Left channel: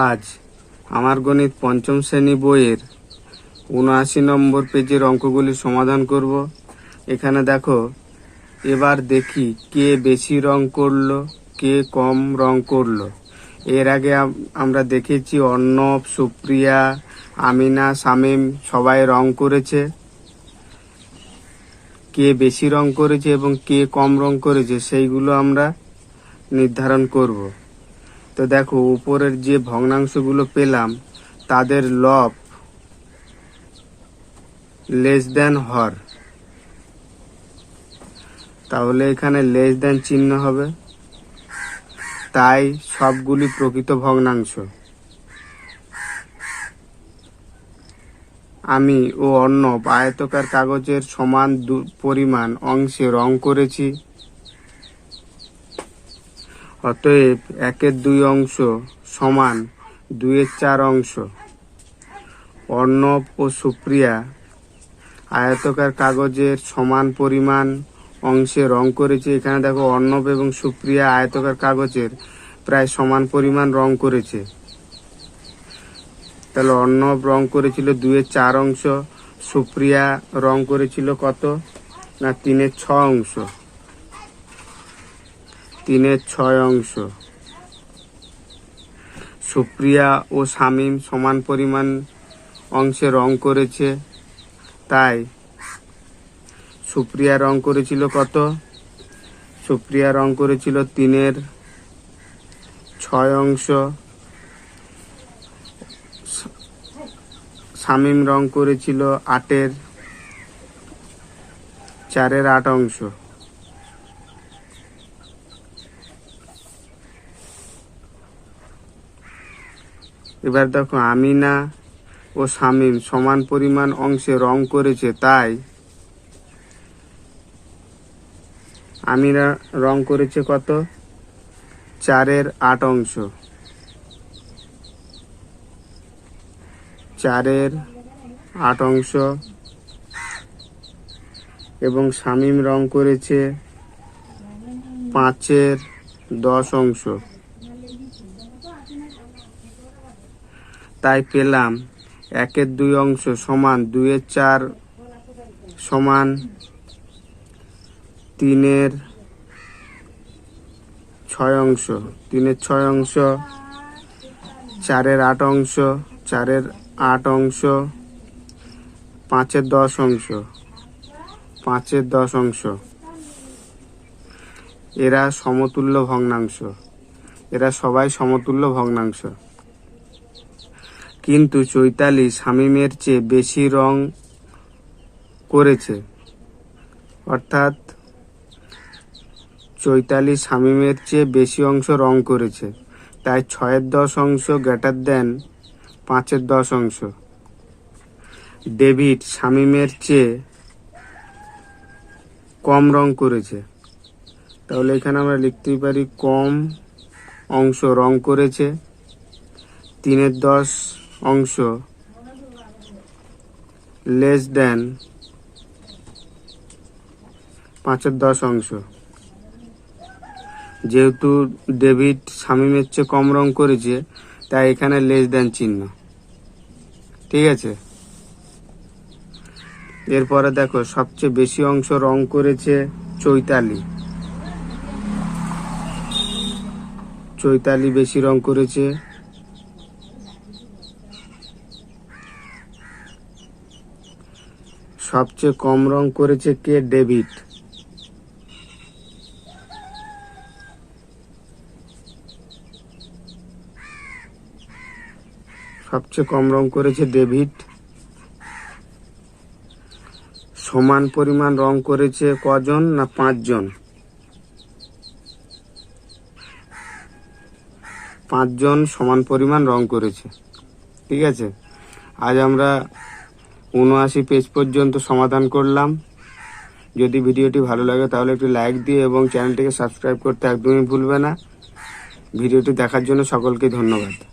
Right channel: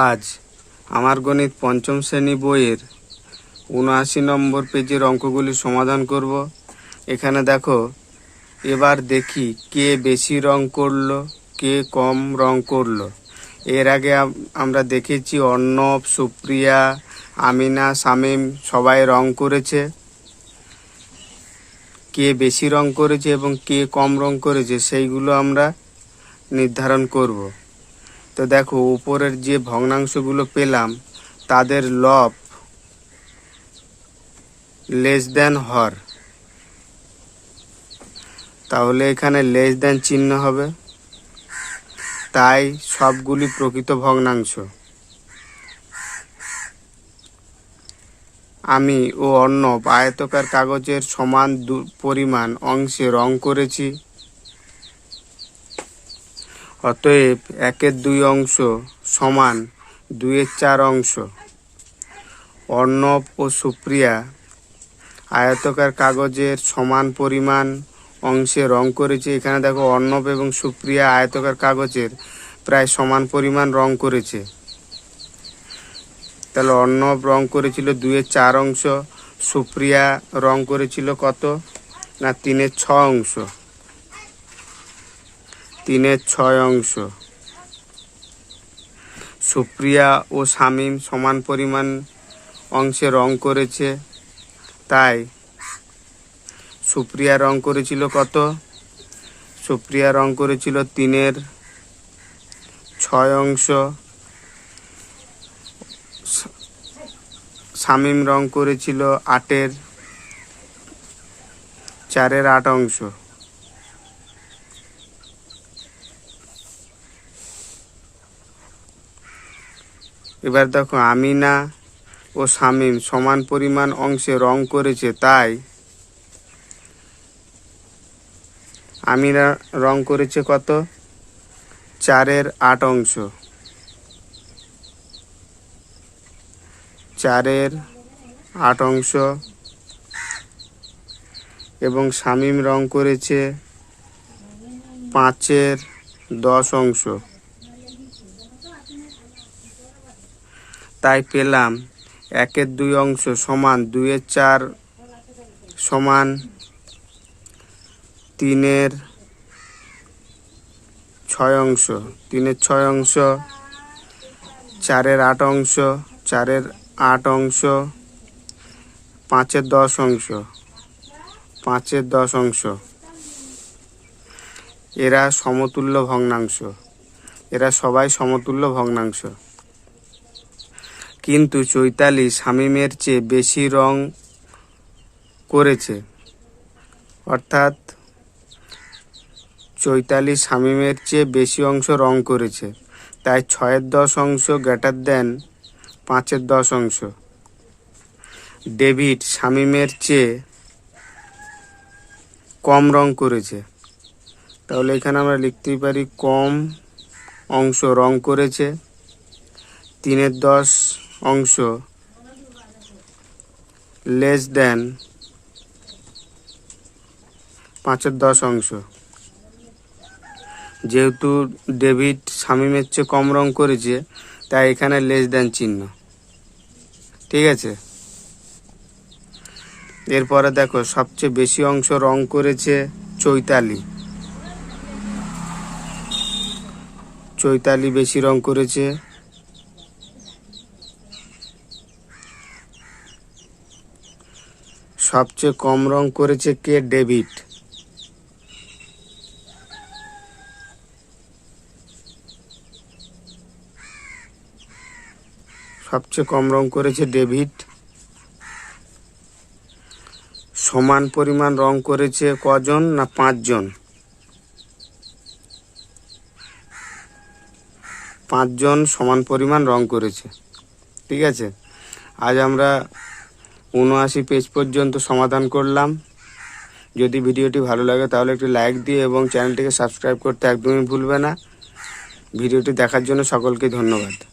আজ আমার গণিত পঞ্চম শ্রেণী বইয়ের ৭৯ নম্বর পেজের অঙ্কগুলি সমাধান করব। এখানে দেখো, এবার দেখি কে বেশি রং করলো, কে কম রং করলো। এর আগে আমরা দেখেছি অর্ণব, সুপ্রিয়া, আমিনা, শামীম সবাই রং করেছে। কে বেশি রং করেছে এবং কে কম রং করেছে সেইগুলো আমরা নির্ধারণ করব। তো দেখো, উপরের যে ভগ্নাংশগুলো পেলাম তাদের লব লেস দেন হর, তাহলে এখানে লেস দেন চিহ্ন হবে, তাই সবগুলি প্রকৃত ভগ্নাংশ। আমি ও অর্ণব আয়তকার কাগজের সমান পরিমাণ অংশে রং করেছি, অতএব 1/2 অংশ সমান 2/4 অংশ। অর্ণব ও সুপ্রিয়া আয়তকার কাগজের সমান পরিমাণ অংশে রং করেছে। এখানে দেখো, অর্ণব এবং সুপ্রিয়া আয়তকার কাগজের প্রায় সমান পরিমাণ রং করেছে। তাহলে অর্ণব রং করেছিল 2/4 অংশ, সুপ্রিয়া রং করেছিল কত না 3/6 অংশ। 3/6 অংশ। সুপ্রিয়া ও শামীম সমান পরিমাণ অংশে রং করেছে, তাই সুপ্রিয়া রং করেছিল কত? সুপ্রিয়া রং করেছিল 3/6 অংশ, শামীম রং করেছিল 4/8 অংশ। এবার দেখো, আমিনা ও শামীম সমান পরিমাণ অংশে রং করেছে, তাই আমিনা রং করেছে কত? 4/8 অংশ। 4/8 অংশ। এবং শামীম রং করেছে 5/10 অংশ। তাই পেলাম 1/2 অংশ সমান 2/4 সমান 3/6 অংশ। 3/6 অংশ, 4/8 অংশ, 4/8 অংশ, 5/10 অংশ, 5/10 অংশ। এরা সমতুল্য ভগ্নাংশ, এরা সবাই সমতুল্য ভগ্নাংশ। কিন্তু চৈতালি শামীমের চেয়ে বেশি রং করেছে, অর্থাৎ চৈতালি শামীমের চেয়ে বেশি অংশ রং করেছে, তাই 6/10 অংশ গ্রেটার দেন 5/10 অংশ। ডেভিড শামীমের চেয়ে কম রং করেছে, তাহলে এখানে আমরা লিখতেই পারি কম অংশ রং করেছে। 3/10 অংশ লেস দেন 5/10 অংশ। যেহেতু ডেভিড শামীমের চেয়ে কম রং করেছে, তাই এখানে লেস দেন চিহ্ন। ঠিক আছে। এরপরে দেখো, সবচেয়ে বেশি অংশ রং করেছে চৈতালি। চৈতালি বেশি রং করেছে। সবচেয়ে কম রং করেছে কে? ডেভিড। সবচেয়ে কম রং করেছে ডেভিড। সমান পরিমাণ রং করেছে কজন? না 5 জন। 5 জন সমান পরিমাণ রং করেছে। ঠিক আছে। আজ আমরা ৭৯ পেজ পর্যন্ত সমাধান করলাম। যদি ভিডিওটি ভালো লাগে তাহলে একটি লাইক দিয়ে এবং চ্যানেলটিকে সাবস্ক্রাইব করতে একদমই ভুলবে না। ভিডিওটি দেখার জন্য সকলকে ধন্যবাদ।